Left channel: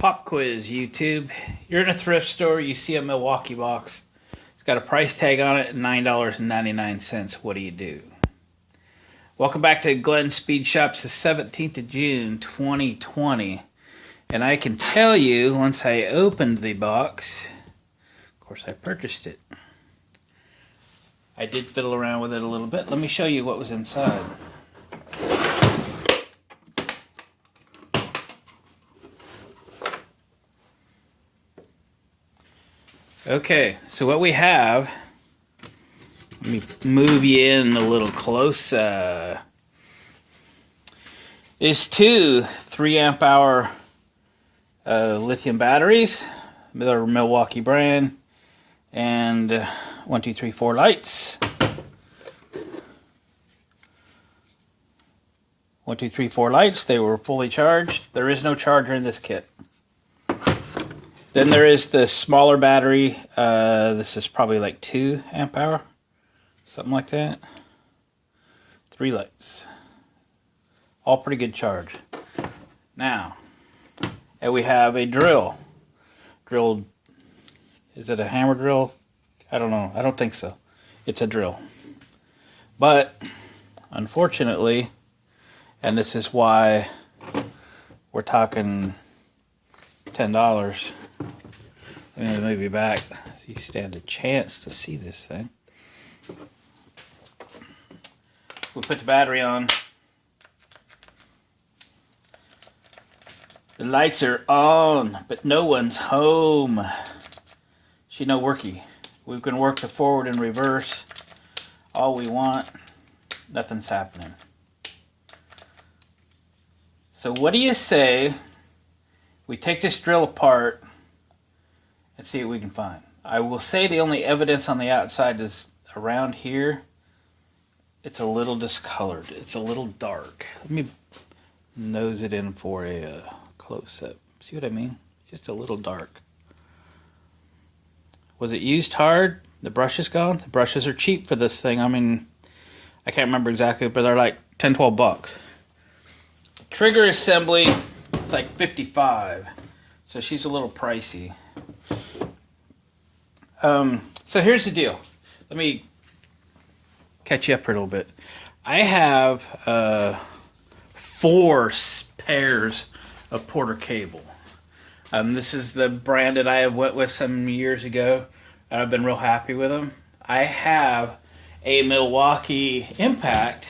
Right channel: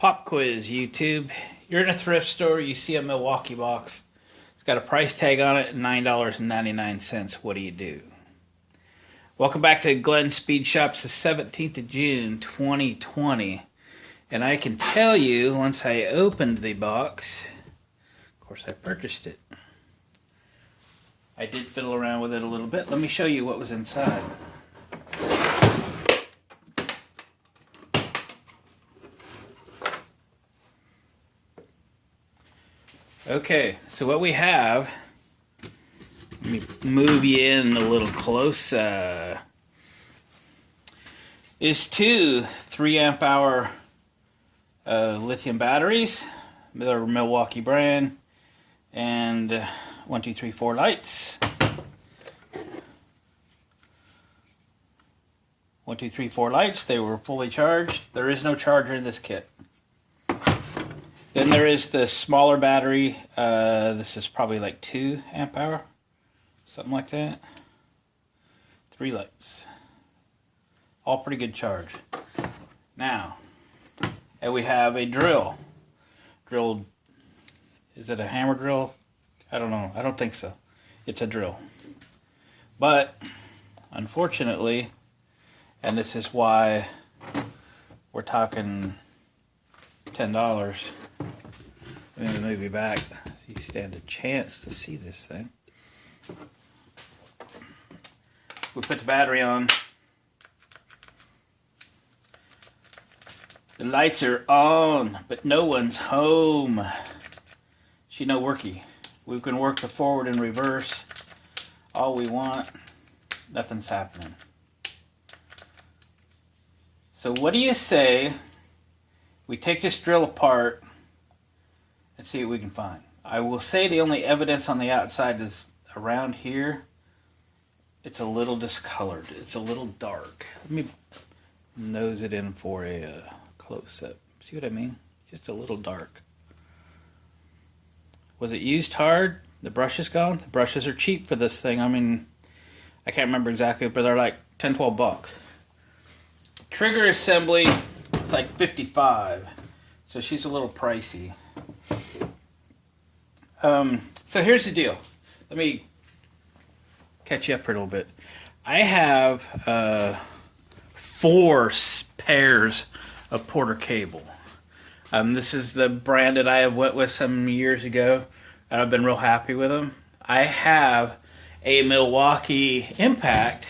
Pop quiz, YouTube. You're in a thrift store, you see a Milwaukee box. It's got a price tag on it, $9.99. What do you do? Welcome back to Glenn Speed Shops, the 17th of June, 2020. And I can tell you, once I opened the box, of course I purchased it. I did fiddle around with it a little bit. Let me show you what was inside. Okay, so what we have, let me move you in a little closer, is two 3 amp hour lithium batteries, they're Milwaukee brand, and 1, 2, 3, 4 lights. 1, 2, 3, 4 lights, they were fully charged. There is no charger in this kit. Then there is the smaller battery. This is probably like 2 amp hour, something like that. 3 lights. All pretty good charge. Now, and we have a drill. Drilled, is it a hammer drill? I don't know. I don't think so. It's a drill. But, unfortunately, and this is why we're talking $10. I'm going to move you back so you stand a chance to see this thing. We put the battery on. The lights are on, but no one's home. She no worky. We can work the forward and reverse all we want. Nothing's happening. So what do you say we take this drill apart and see what we can find? I will say the only evidence on the outside is around here. It's a little discolored. It's a little dark. Let me nose it in for a close-up. See what I mean? Just a little dark. Was it used hard? The brush is gone? The brushes are cheap for this thing. I mean, I can't remember exactly, but they're like 10, 12 bucks. Trigger assembly, like 55. So she's a little pricey. So here's the deal. Let me catch you up for a little bit. I have 4 pairs of Porter cable. This is the brand that I went with some years ago, and I've been real happy with them. I have a Milwaukee Impact,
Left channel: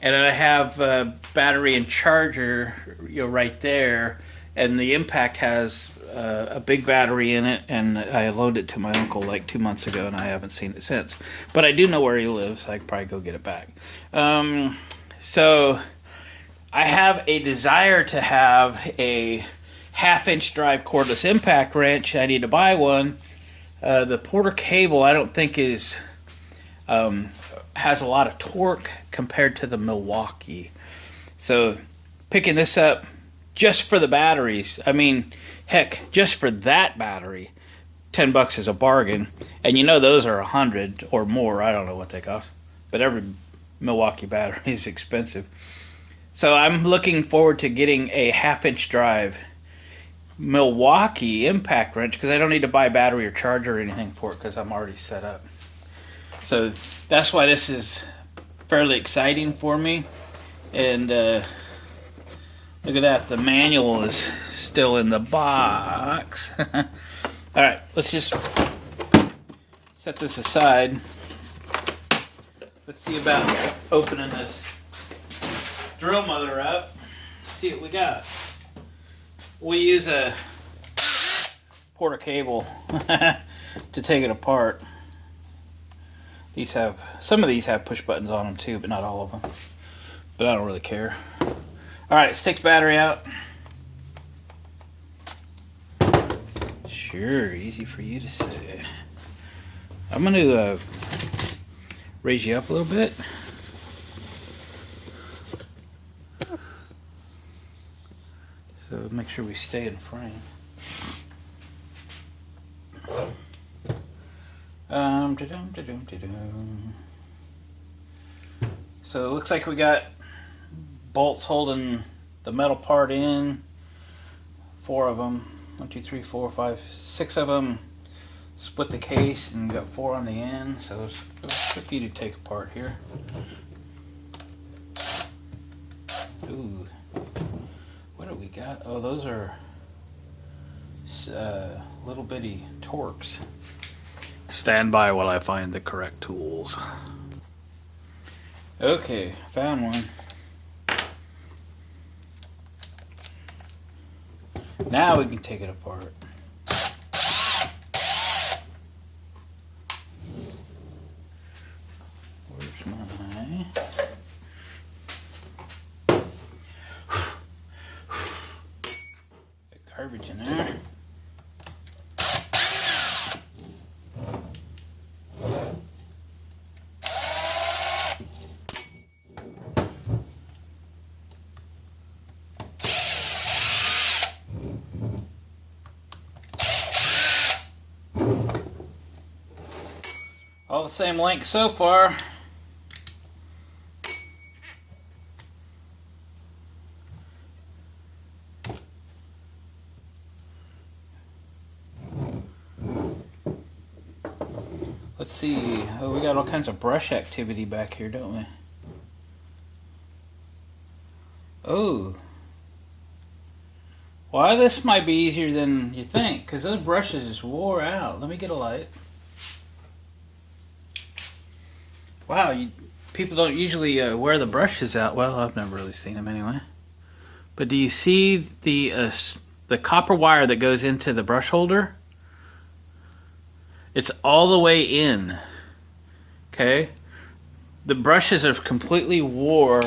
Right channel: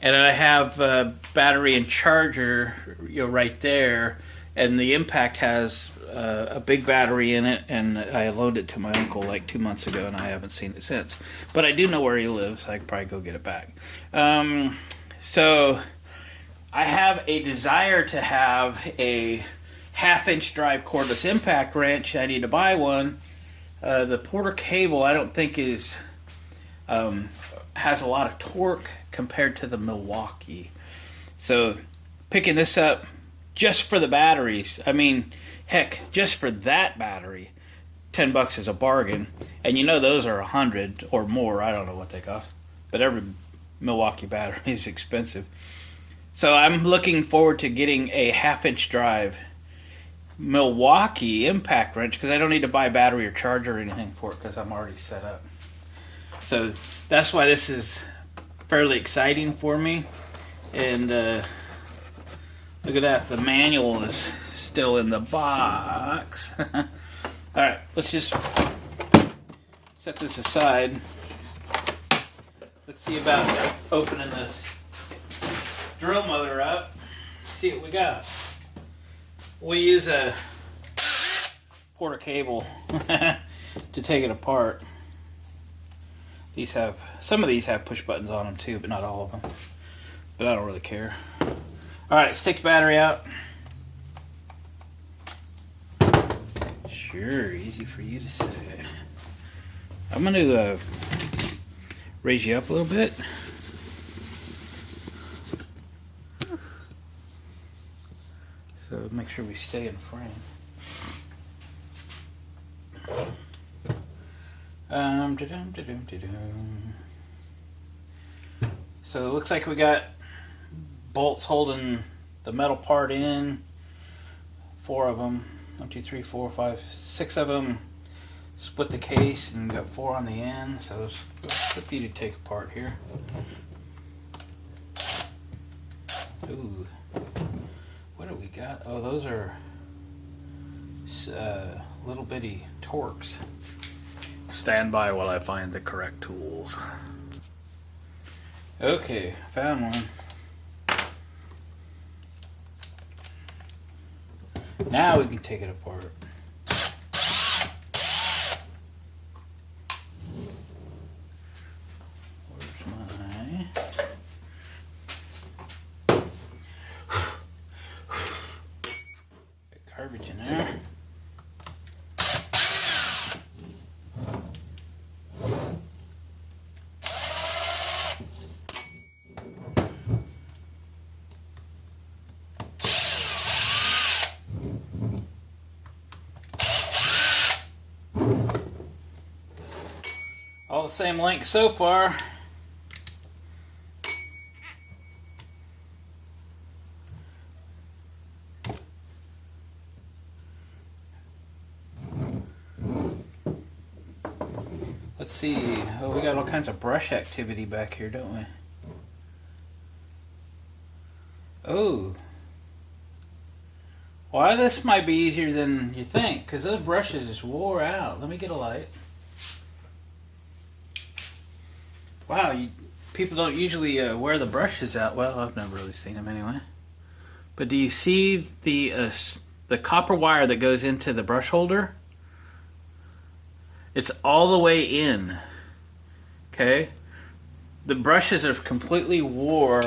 and I have a battery and charger, right there. And the Impact has a big battery in it, and I loaned it to my uncle like 2 months ago, and I haven't seen it since. But I do know where he lives, so I could probably go get it back. So I have a desire to have a 1/2-inch drive cordless impact wrench. I need to buy one. The Porter cable I don't think is has a lot of torque compared to the Milwaukee. So picking this up just for the batteries, I mean, heck, just for that battery, $10 is a bargain. And you know those are $100 or more. I don't know what they cost, but every Milwaukee battery is expensive. So I'm looking forward to getting a 1/2-inch drive Milwaukee impact wrench, because I don't need to buy a battery or charger or anything for it, because I'm already set up. So that's why this is fairly exciting for me. And look at that, the manual is still in the box. Alright, let's just set this aside. Let's see about opening this drill motor up. See what we got. We use a Porter cable to take it apart. Some of these have push buttons on them too, but not all of them. But I don't really care. Alright, let's take the battery out. Sure, easy for you to say. I'm going to raise you up a little bit. So make sure we stay in frame. So it looks like we got bolts holding the metal part in, 4 of them. 1, 2, 3, 4, 5, 6 of them. Split the case and got 4 on the end. So it's good for you to take apart here. Ooh, what do we got? Oh, those are little bitty Torx. Stand by while I find the correct tools. Okay, found one. Now we can take it apart. Where's my... garbage in there. All the same length so far. Let's see. Oh, we got all kinds of brush activity back here, don't we? Oh. Why, this might be easier than you think, because those brushes just wore out. Let me get a light. Wow, people don't usually wear the brushes out. Well, I've never really seen them anyway. But do you see the copper wire that goes into the brush holder? It's all the way in. Okay? The brushes are completely wore.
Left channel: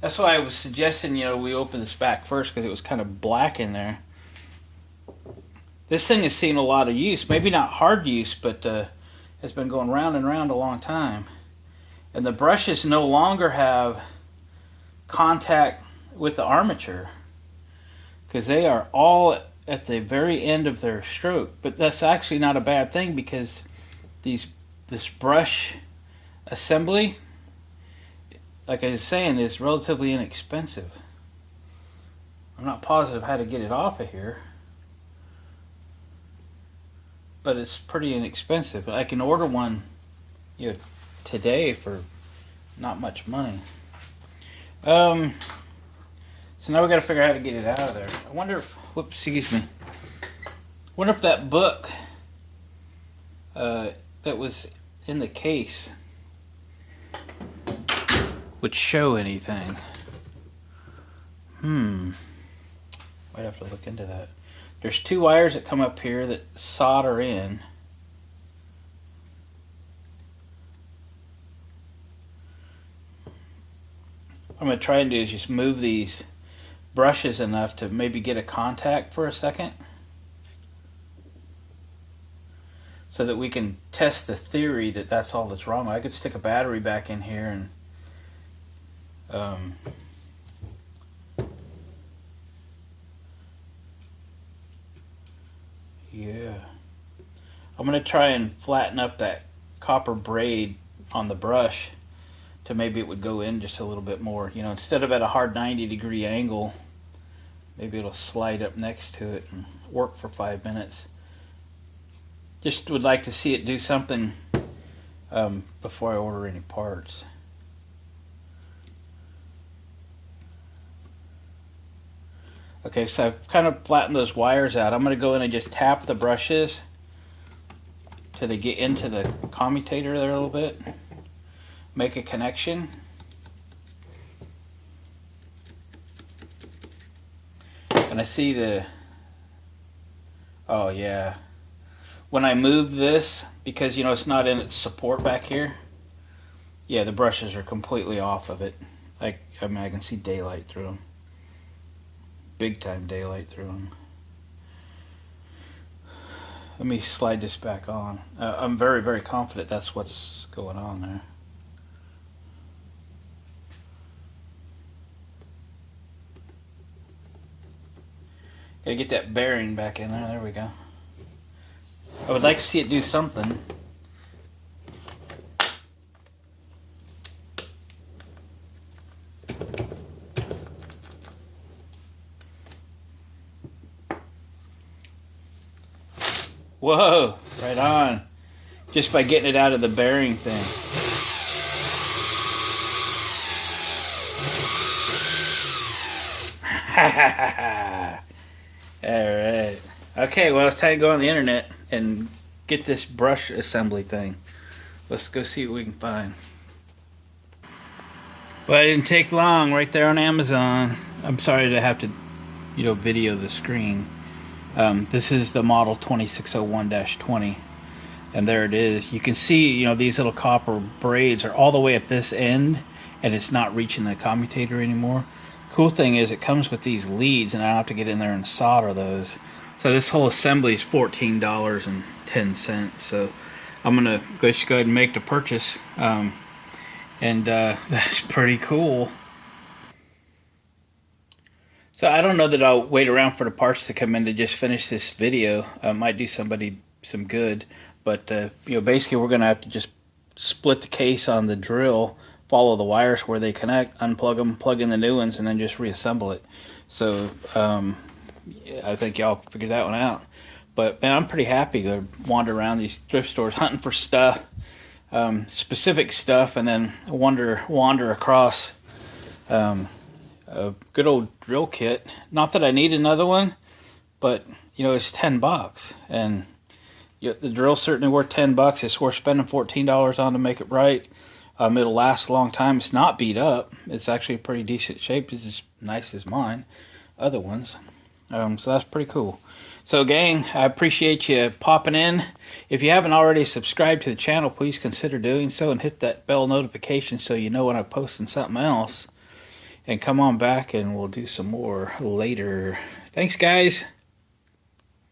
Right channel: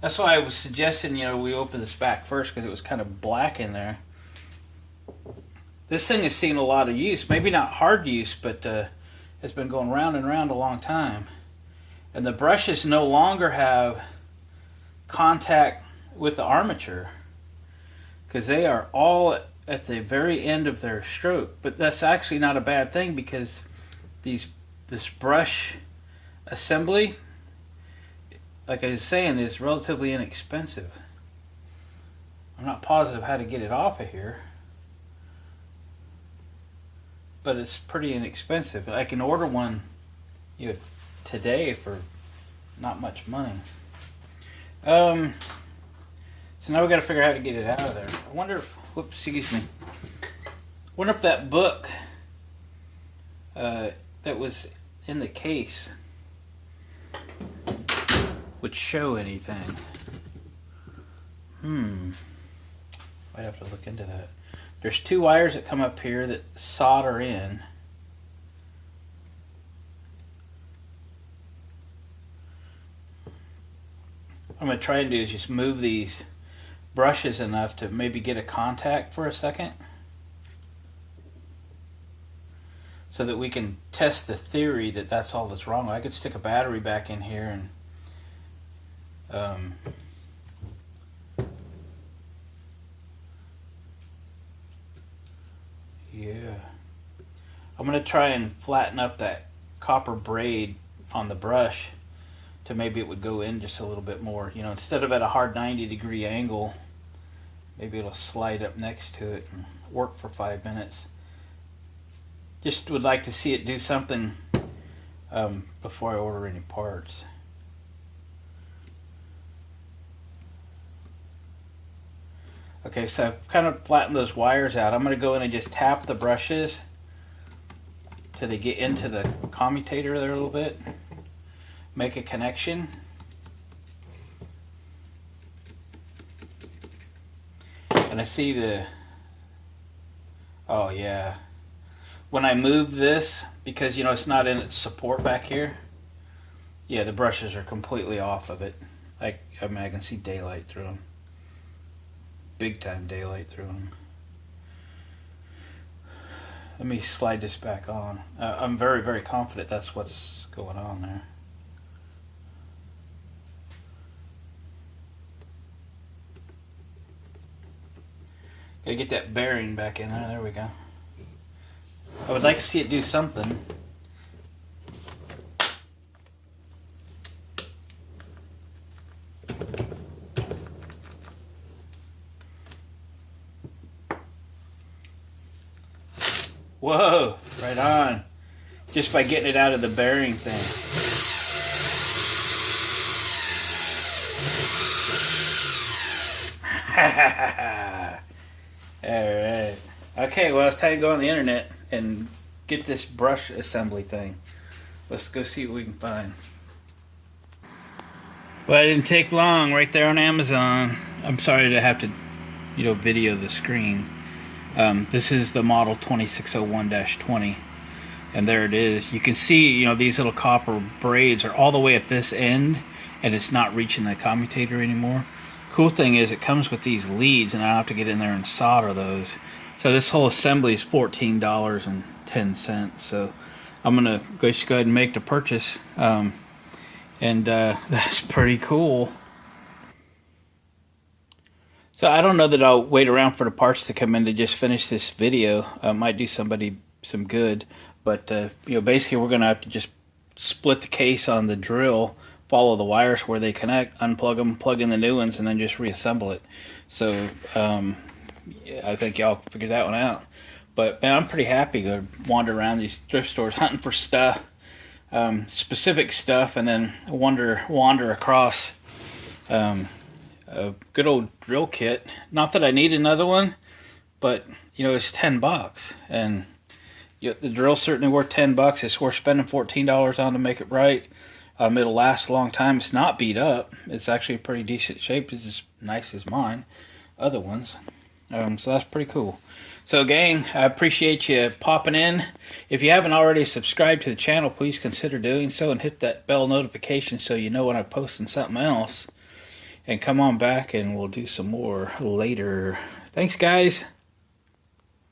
That's why I was suggesting, we open this back first, because it was kind of black in there. This thing has seen a lot of use. Maybe not hard use, but it's been going round and round a long time. And the brushes no longer have contact with the armature, because they are all at the very end of their stroke. But that's actually not a bad thing, because this brush assembly, like I was saying, is relatively inexpensive. I'm not positive how to get it off of here, but it's pretty inexpensive. I can order one today for not much money. So now we got to figure out how to get it out of there. I wonder if, whoops, excuse me. Wonder if that book that was in the case would show anything. Might have to look into that. There's 2 wires that come up here that solder in. What I'm going to try and do is just move these brushes enough to maybe get a contact for a second, so that we can test the theory that that's all that's wrong. I could stick a battery back in here and yeah. I'm going to try and flatten up that copper braid on the brush to maybe it would go in just a little bit more. Instead of at a hard 90-degree angle, maybe it'll slide up next to it and work for 5 minutes. Just would like to see it do something before I order any parts. Okay, so I've kind of flattened those wires out. I'm going to go in and just tap the brushes till they get into the commutator there a little bit. Make a connection. And I see oh yeah. When I move this, because it's not in its support back here, yeah, the brushes are completely off of it. I can see daylight through them. Big time daylight through them. Let me slide this back on. I'm very, very confident that's what's going on there. Gotta get that bearing back in there. There we go. I would like to see it do something. Whoa, right on. Just by getting it out of the bearing thing. Alright. Okay, well, it's time to go on the internet and get this brush assembly thing. Let's go see what we can find. Well, it didn't take long, right there on Amazon. I'm sorry to have to, video the screen. This is the model 2601-20. And there it is. You can see, these little copper braids are all the way at this end, and it's not reaching the commutator anymore. Cool thing is it comes with these leads, and I don't have to get in there and solder those. So this whole assembly is $14.10. So I'm gonna just go ahead and make the purchase, and that's pretty cool. So I don't know that I'll wait around for the parts to come in to just finish this video. I might do somebody some good. But, basically we're going to have to just split the case on the drill, follow the wires where they connect, unplug them, plug in the new ones, and then just reassemble it. So, I think y'all figured that one out. But, man, I'm pretty happy to wander around these thrift stores hunting for stuff, specific stuff, and then wander across a good old drill kit. Not that I need another one, but, it's $10. And the drill's certainly worth $10. It's worth spending $14 on to make it right. It'll last a long time. It's not beat up. It's actually a pretty decent shape. It's as nice as mine, other ones. So that's pretty cool. So gang, I appreciate you popping in. If you haven't already subscribed to the channel, please consider doing so and hit that bell notification so you know when I'm posting something else. And come on back and we'll do some more later. Thanks, guys.